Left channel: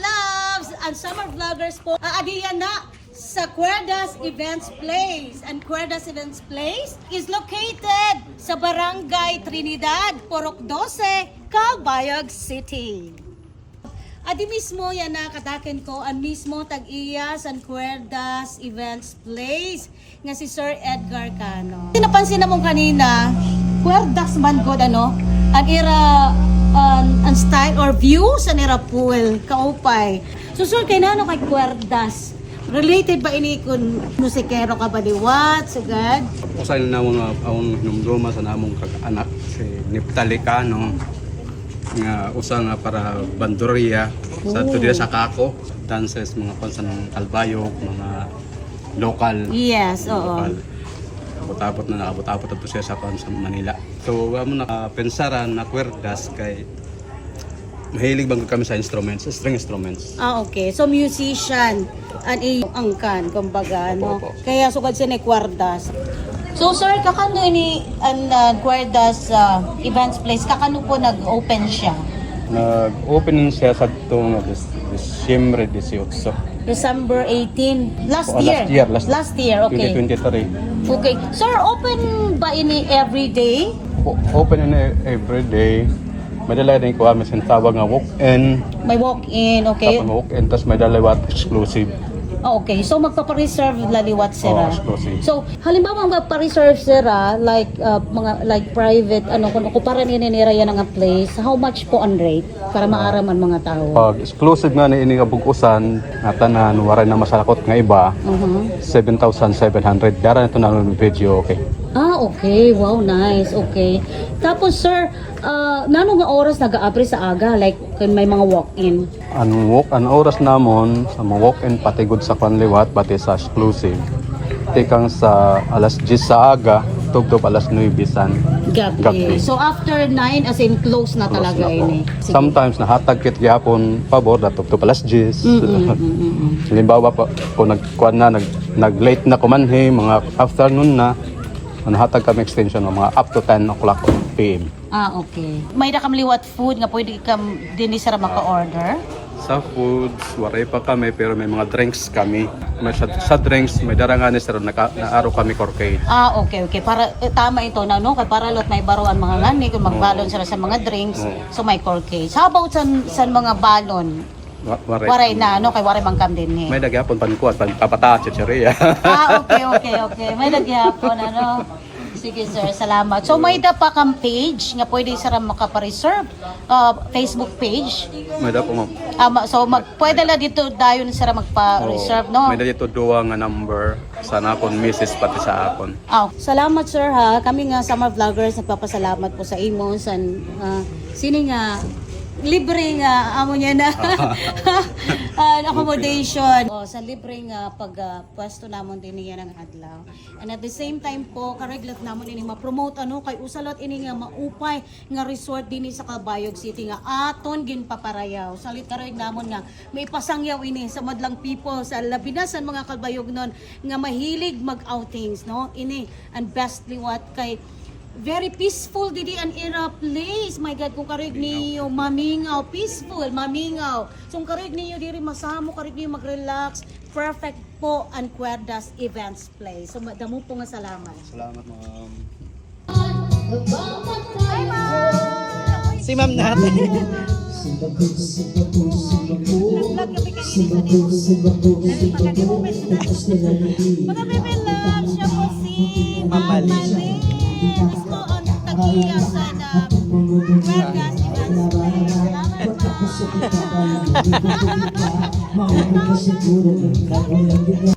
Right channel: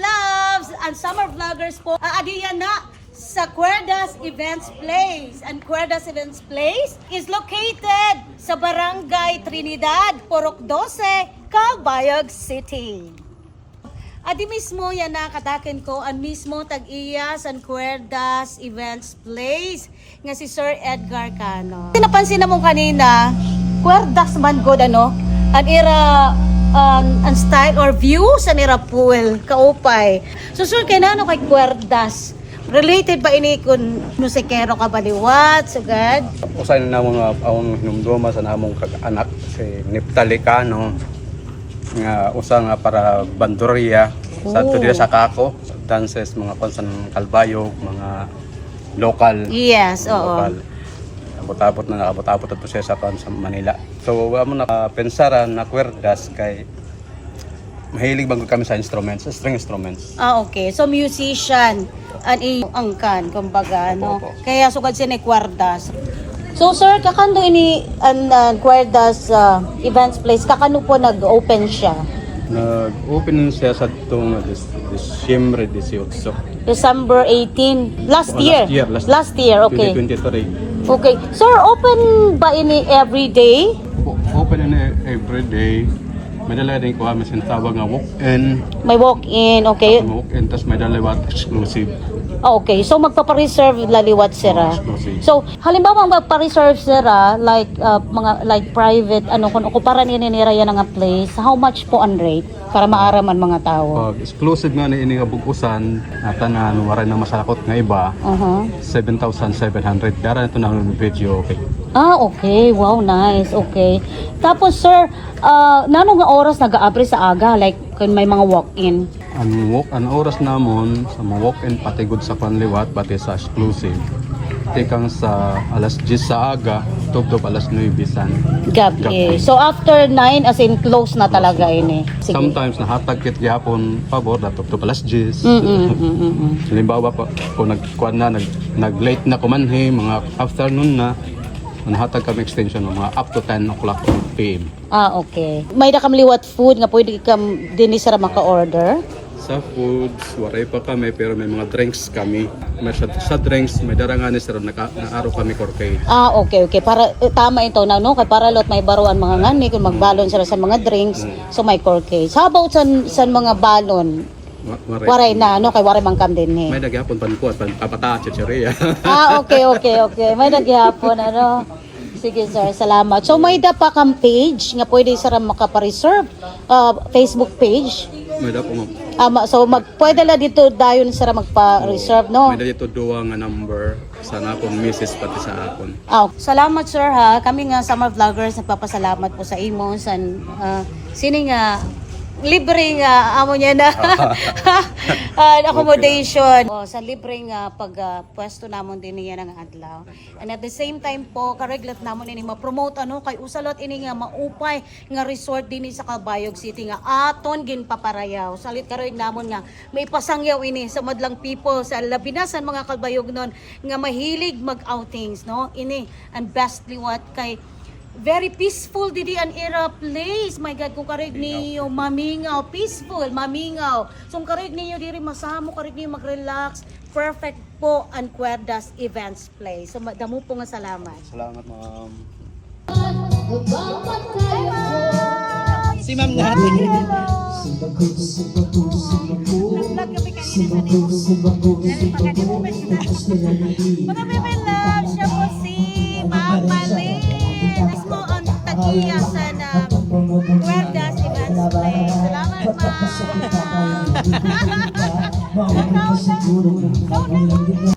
loves and summer vloggers po. Adiyan na sa Cuerdas Events Place. And Cuerdas Events Place is located sa Barangay Trinidad, Purok 12, Calbayog City. Adi mismo yan na katakin ko ang mismo tag-iya sa Cuerdas Events Place nga si Sir Edgar Cano. Napansin na mo kanina, Cuerdas man good ano, an era ang style or view sa nira pool, kaupay. So sir, kay nano kay Cuerdas? Related ba ini kun musikero ka ba liwat, sagad? Usay na mga awang hinumduma sa namong kag-anak si Neptali Cano nga usa nga para bandurya sa to dira sa Kako, dances mga konsan ng Calbayog, mga local. Yes, oo. Local. Abot-abot na nakabot-abot ato siya sa Manila. So amo na pensaran na Cuerdas kay mahilig bang kami sa instruments, string instruments. Okay. So musician an angkan kumbaga no. Kaya sugad siya ni Cuerdas. So sir, kakano ini ang Cuerdas Events Place, kakano po nag-open siya? Nag-open siya sa itong December 18. December 18. Last year, okay. 2023. Okay. Sir, open ba ini every day? Open in every day. May dala na ikaw kami sinatawag nga walk-in. May walk-in, okay. Walk-in, tapos may dala exclusive. Okay, so magpapa-reserve laliwat sira. So, halimbawa magpapa-reserve sira like like private kung okuparan ininira yan nga place, how much po ang rate para maaraman mga tao? Pag exclusive nga ni ini nga bukusan, na tanan waray na masakot nga iba. 7,700 dara na to na video, okay. Okay. Wow, nice. Okay. Tapos sir, nano nga oras nag-aabri sa aga like kung may mga walk-in? Ang oras namon sa mga walk-in patigod sa panliwat pati sa exclusive. Tikang sa alas 10 sa aga, tugtog alas 9 bisan. Gabi. So after 9 as in close na talaga ini. Sige. Sometimes nahatag kit gyapon pabor na tugtog alas 10. Halimbawa pa kung nagkuan na nag-late na kumanhi mga afternoon na, nahatag kami extension ng mga up to 10 o'clock PM. Okay. May liwat food nga pwede kam dinhi sira maka-order? Sa foods, waray pa kami pero may mga drinks kami. May sa drinks, may darangan sir naaro kami corkade. Okay. Para tama ito na no, kay para lot may baruan mga ngani kung magbalon sila sa mga drinks, so may corkade. How about sa mga balon? Waray na no, kay waray man kam din. May nagyapon pankuat, papata chicheria. Okay. May nagyapon ano. Sige sir, salamat. So may da pa kang page nga pwede sir makapa-reserve, Facebook page. May da po ma'am. So pwede la dito dayon sir magpa-reserve no. May da dito duwa nga number sa nakon Mrs. pati sa akon. Salamat sir ha. Kami nga summer vloggers nagpapasalamat po sa imo sa sini nga libre nga amo niya na accommodation sa libre nga pwesto namon din niya nga adlaw. And at the same time po kareglat namon ini ma-promote kay usalot ini nga maupay nga resort din sa Calbayog City nga aton ginpaparayaw. Salit kareg namon nga may pasangyaw ini sa madlang people sa labinasan mga Calbayog non nga mahilig mag-outings no. Ini and bestly what kay very peaceful didi an era place. My God, kung karig niyo mamingaw, peaceful, mamingaw. So kung karig niyo diri masamo, karig niyo mag-relax, perfect po ang Cuerdas Events Place. So damo po nga salamat. Salamat ma'am. Si ma'am natin. Mga baby love, siya po si Ma'am Malin. Let's go on tag-iya sa Cuerdas Events Place. Salamat, ma'am.